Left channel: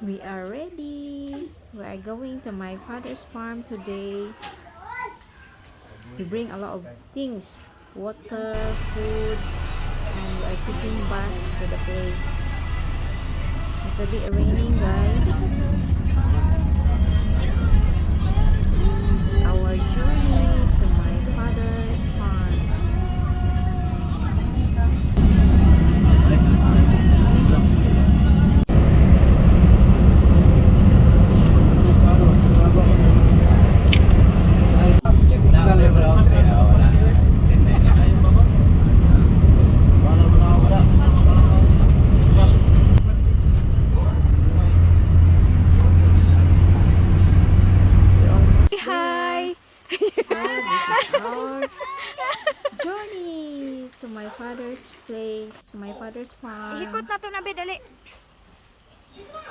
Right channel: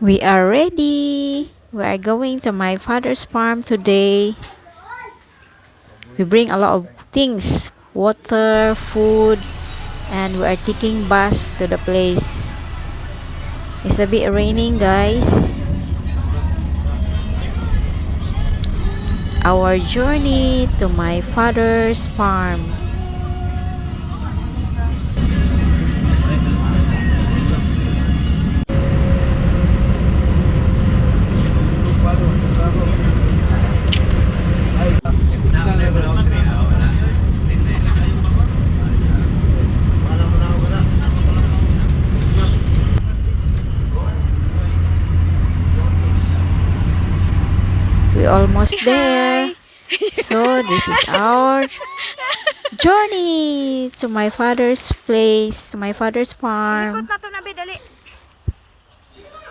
We are ready. We are going to my father's farm today. We bring a lot of things, water, food, and we are taking bus to the place. It's a bit raining, guys. Our journey to my father's farm. We almost there. Hi! So this is our journey to my father's place, to my father's Ilikot farm. na to na dali.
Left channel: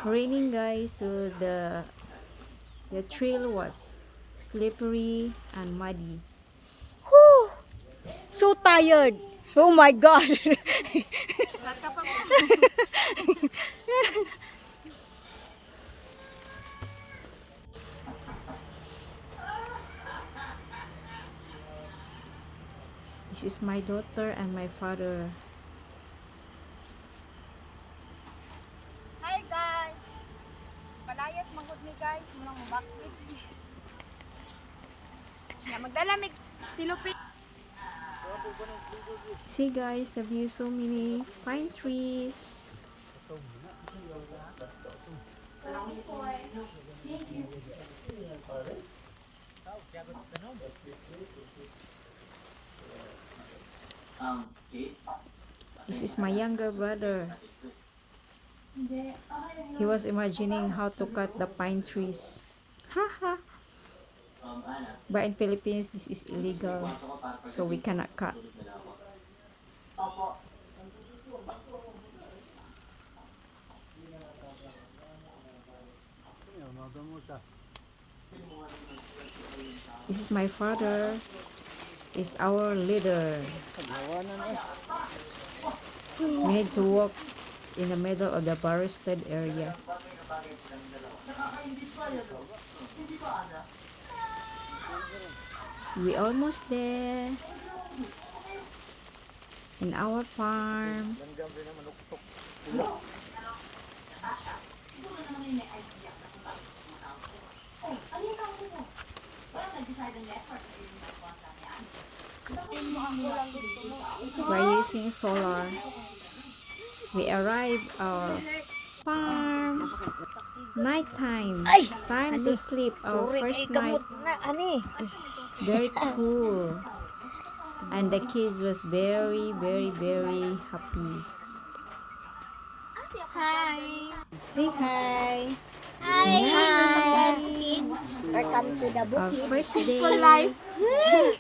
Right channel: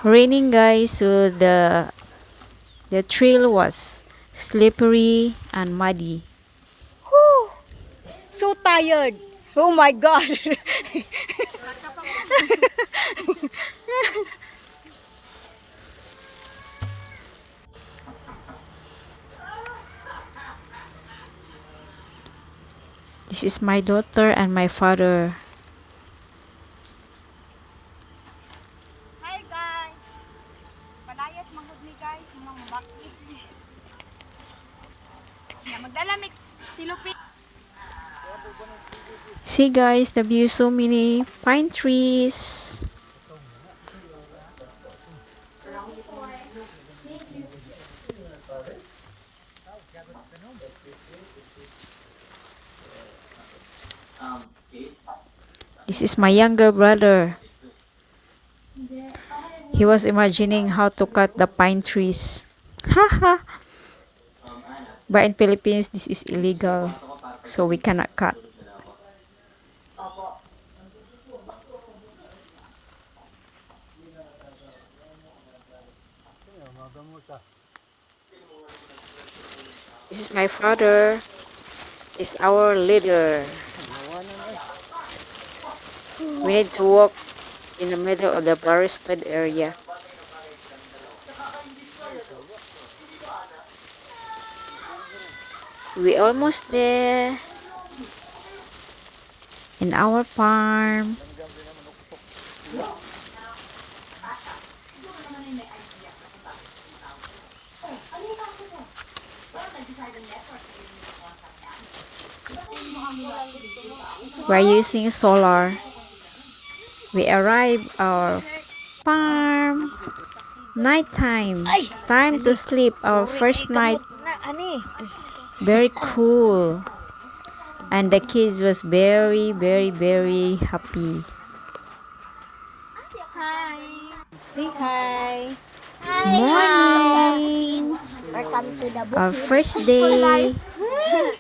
Raining, guys, so the trail was slippery and muddy. Whew! So tired. Oh my gosh. This is my daughter and my father. Hi guys. Palayas manggod ni guys, mulang mabakit. Ya magdala mix silupin. See, guys, the view, so many pine trees. This is my younger brother. He was imagining how to cut the pine trees. Haha. But in Philippines, this is illegal, so we cannot cut. This is my father. He's our leader. We need to walk in the middle of the forested area. We almost there in our farm. We're using solar. We arrive our farm. Nighttime. Time to sleep. Our first night. Na ani. Very cool. And the kids was very, very, very happy. Hi. Say hi. It's Hi. morning. Welcome to the Our bukid. first Simple life. day.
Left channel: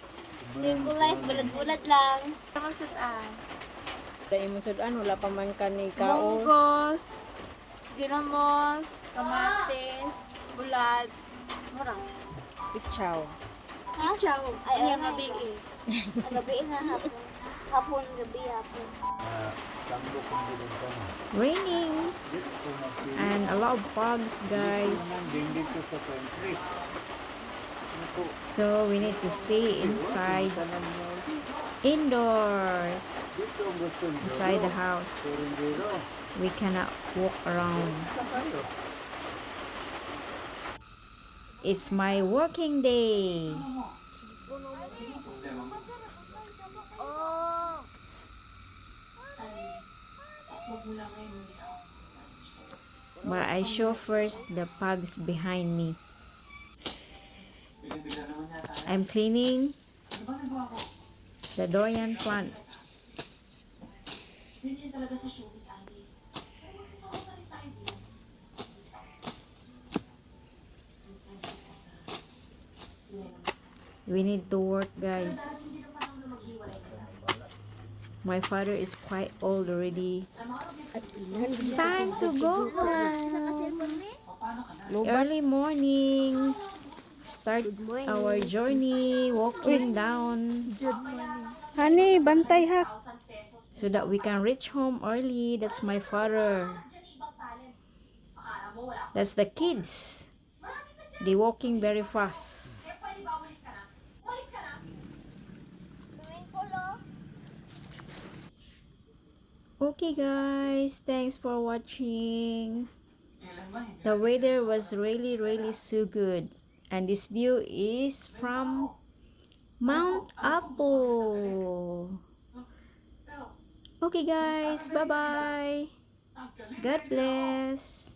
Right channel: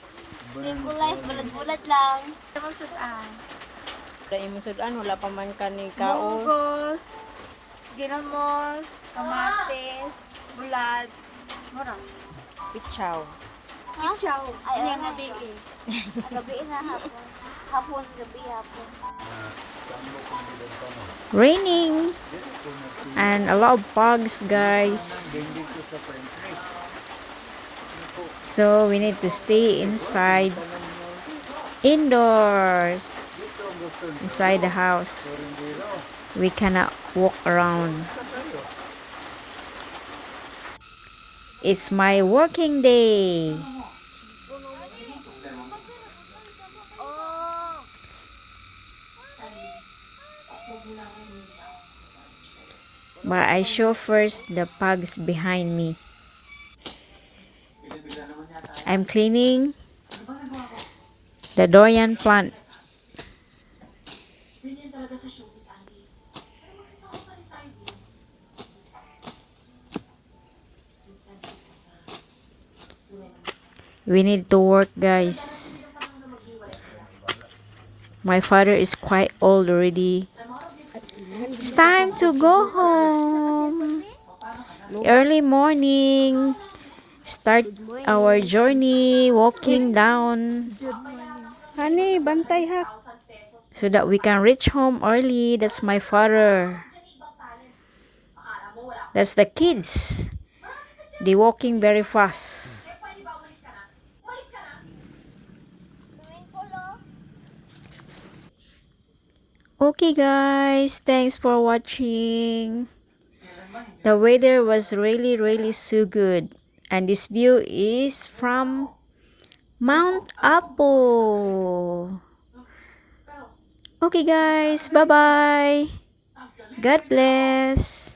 Simple life, bulat-bulat lang. Masudan. Imusudan, wala pa man kaning Munggos, ginamos, kamatis, bulad, mura. Pichaw. Ha? Chow. Ay, ang gabi. Gabi na hapon. Hapon, gabi, hapon. Raining. And a lot of bugs, guys. So we need to stay inside. Indoors. Inside the house. We cannot walk around. It's my working day. But I show first the pugs behind me. I'm cleaning the durian plant. We need to work, guys. My father is quite old already. It's time to go home. Early morning. Start our journey walking down Honey, bantay ha. so that we can reach home early. That's my father. That's the kids. They walking very fast. Swimming pool, oh. Okay guys, thanks for watching. The weather was really so good. And this view is from Mount Apo. Okay guys, bye-bye. God bless.